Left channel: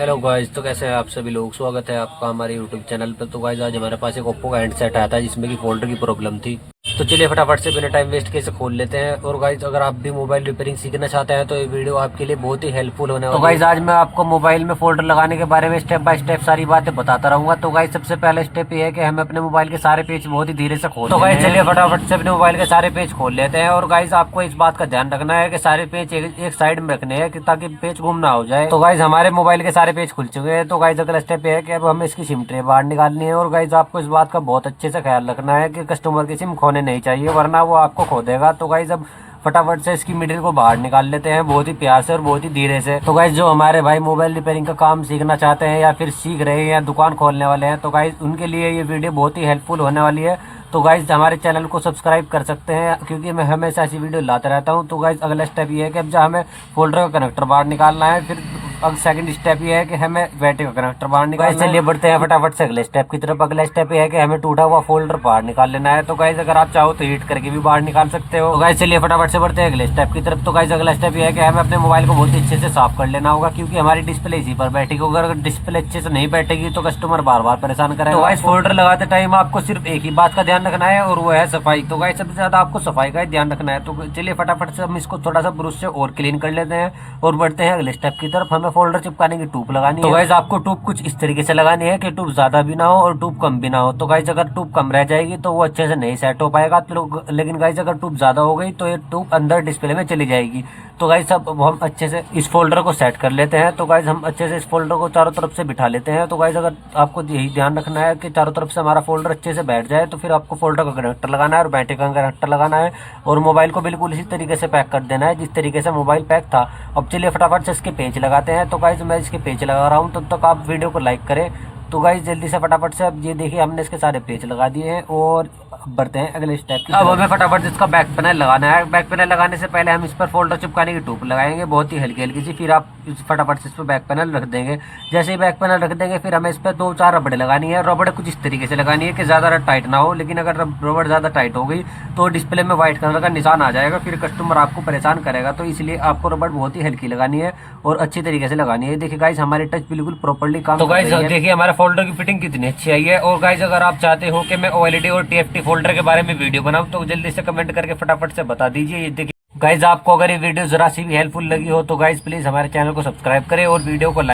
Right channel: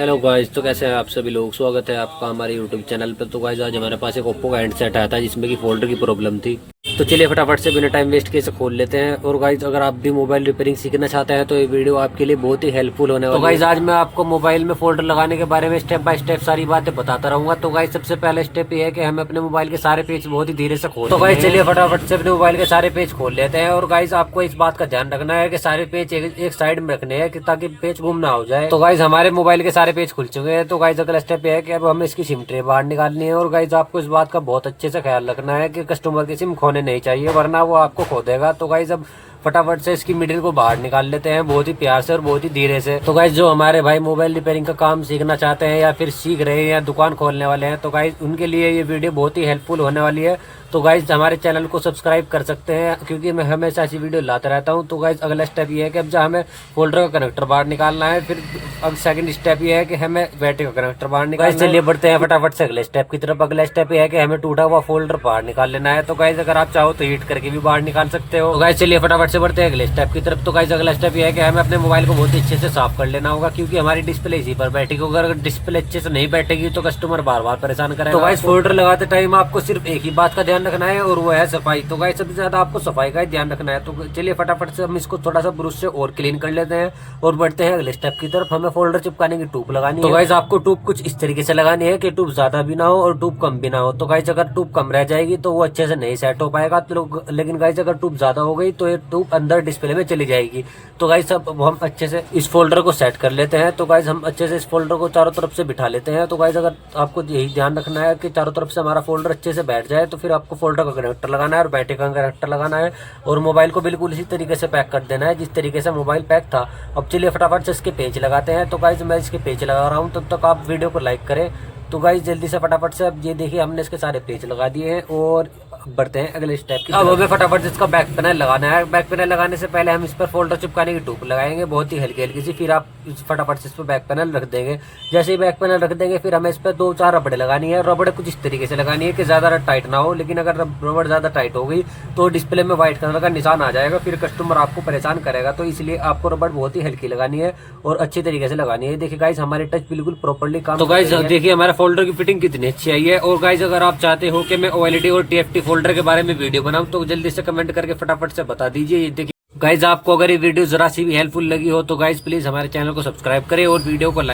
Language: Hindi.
हेलो गाइस, तो कैसे हैं आप सभी लोग। स्वागत है आपका हमारे यूट्यूब चैनल पर। तो गाइस आज हमारे पास एक ओप्पो का हैंडसेट आया था जिसमें कि फोल्डर की प्रॉब्लम थी। तो चलिए फटाफट से बिना टाइम वेस्ट किए इसे खोल लेते हैं। और गाइस अगर आप भी मोबाइल रिपेयरिंग सीखना चाहते हैं तो ये वीडियो आपके लिए बहुत ही हेल्पफुल होने वाली है। तो गाइस आज मैं आपको मोबाइल में फोल्डर लगाने के बारे में स्टेप बाय स्टेप सारी बातें बताता रहूंगा। तो गाइस सबसे पहला स्टेप ये है कि हमें अपने मोबाइल के सारे पेज बहुत ही धीरे से खोल। तो गाइस चलिए फटाफट से अपने मोबाइल के सारे पेज खोल लेते हैं। और गाइस आपको इस बात का ध्यान रखना है कि सारे पेज एक साइड में रखने हैं ताकि पेज गुम ना हो जाए। तो गाइस हमारे मोबाइल के सारे पेज खुल चुके हैं। तो गाइस अगला स्टेप ये है कि अब हमें इसकी सिम ट्रे बाहर निकालनी है। और गाइस आपको इस बात का बहुत अच्छे से ख्याल रखना है कि कस्टमर की सिम खोने नहीं चाहिए, वरना वो आपको खो देगा। तो गाइस अब फटाफट से इसकी मिडिल को बाहर निकाल लेते हैं बहुत ही प्यार से और बहुत ही धीरे से। तो गाइस जो हमारे भाई मोबाइल रिपेयरिंग का काम सीखना चाहते हैं या फिर सीख रहे हैं या दुकान खोलने वाले हैं, तो गाइस उनके लिए ये वीडियो बहुत ही हेल्पफुल होने वाली है। तो गाइस हमारे चैनल को सब्सक्राइब कर सकते हैं क्योंकि मैं हमेशा ऐसी वीडियो लाता रहता हूं। तो गाइस अगला स्टेप ये है कि अब जब हमें फोल्डर का कनेक्टर बाहर निकालना है, फिर अब सेकंड स्टेप ये है कि हमें बैटरी का कनेक्टर बाहर निकालना है। चलिए बढ़ते हैं फटाफट से अगले स्टेप की तरफ। अगला स्टेप ये है कि हमें टूटा हुआ फोल्डर बाहर निकाल लेना है। तो गाइस अगर आप चाहो तो हीट करके भी बाहर निकाल सकते हो। तो गाइस चलिए फटाफट से बढ़ते हैं अगले स्टेप की तरफ। तो गाइस अगला स्टेप ये है कि हमें अपने मोबाइल को बहुत ही अच्छे से साफ कर लेना होगा क्योंकि हमारी डिस्प्ले इसी पर बैठेगी। अगर डिस्प्ले अच्छे से नहीं बैठेगी तो कस्टमर बार बार परेशान करेगा। तो गाइस फोल्डर लगाते टाइम आपको सिर्फ एक ही बात का ध्यान रखना है और वो है सफाई। तो गाइस सबसे ज्यादा आपको सफाई का ही ध्यान रखना है। तो चलिए फटाफट से हम इसको थोड़ा सा ब्रश से और क्लीन कर लेते हैं और बढ़ते हैं अगले स्टेप की तरफ। हमें फोल्डर चिपकाने की टूप लगानी है। तो गाइस आपको टूप कुछ इस तरीके से लगानी है कि टूप ज्यादा भी ना हो और टूप कम भी ना हो। तो गाइस अगर टूप कम रह जाएगी तो वो अच्छे से नहीं सेट हो पाएगा। तो लेकिन गाइस अगर टूप ज्यादा हो गई तो ये टूप अंदर डिस्प्ले में चली जाएगी। तो गाइस अब हम अच्छे से इस फोल्डर को सेट कर लेते हैं। तो गाइस हम अच्छे से इस फोल्डर को चारों तरफ से बिठा लेते हैं। तो गाइस अगर आपको यही ध्यान रखना है कि चारों तरफ से हमारा फोल्डर अच्छे से बैठ जाए, तो फिर आपको फोल्डर का कनेक्टर लगाना है और बैटरी का कनेक्टर लगाना है और मोबाइल को बिल्कुल इसी तरीके से पैक कर देना है जिस तरीके से मोबाइल पैक था। अब चलिए फटाफट से इसके पेंच लगाते हैं। तो गाइस मैं इसके पेंच लगा रहा हूँ, तब तक आप वीडियो को लाइक करें। तो गाइस जल्दी से फटाफट से अब ये देखिए हमने इसके सारे पेंच लगा दिए हैं और बढ़ते हैं अगले स्टेप की। अब हमें फटाफट इसका बैक पैनल लगाना है। बैक पैनल लगाने से पहले हम इस पर फोल्डर चिपकाने की टूप लगाएंगे बहुत ही हल्की हल्की सी, फिर आप फटाफट से इस पर बैक पैनल रख देंगे। जैसे ही बैक पैनल रख देंगे फिर हमें इस पर 2-4 रबड़े लगानी है। रबड़ कुछ इस तरीके से लगानी है कि ज्यादा टाइट ना हो, लेकिन अगर रबड़ ज्यादा टाइट हो गई तो डिस्प्ले में व्हाइट कलर का निशान आ जाएगा, फिर कस्टमर आपको परेशान करेगा। तो इसलिए आपको रबड़ बहुत ही हल्की लगानी है और अच्छी तरीके से लगानी है। देखिए गाइस हमारी टच बिल्कुल प्रॉपर्ली काम। तो गाइस देखिए हमारा फोल्डर की फिटिंग कितनी अच्छी आई है। और गाइस अगर आप चाहते हो कि मैं OLED और TFT फोल्डर के बारे में वीडियो बनाऊं तो जल्दी से कमेंट करके फटाफट से बता दीजिए। ये देखिए गाइस आपको अगर ये वीडियो जरा सी भी हेल्पफुल लगी हो तो गाइस प्लीज हमारे चैनल को सब्सक्राइब करें और वीडियो को लाइक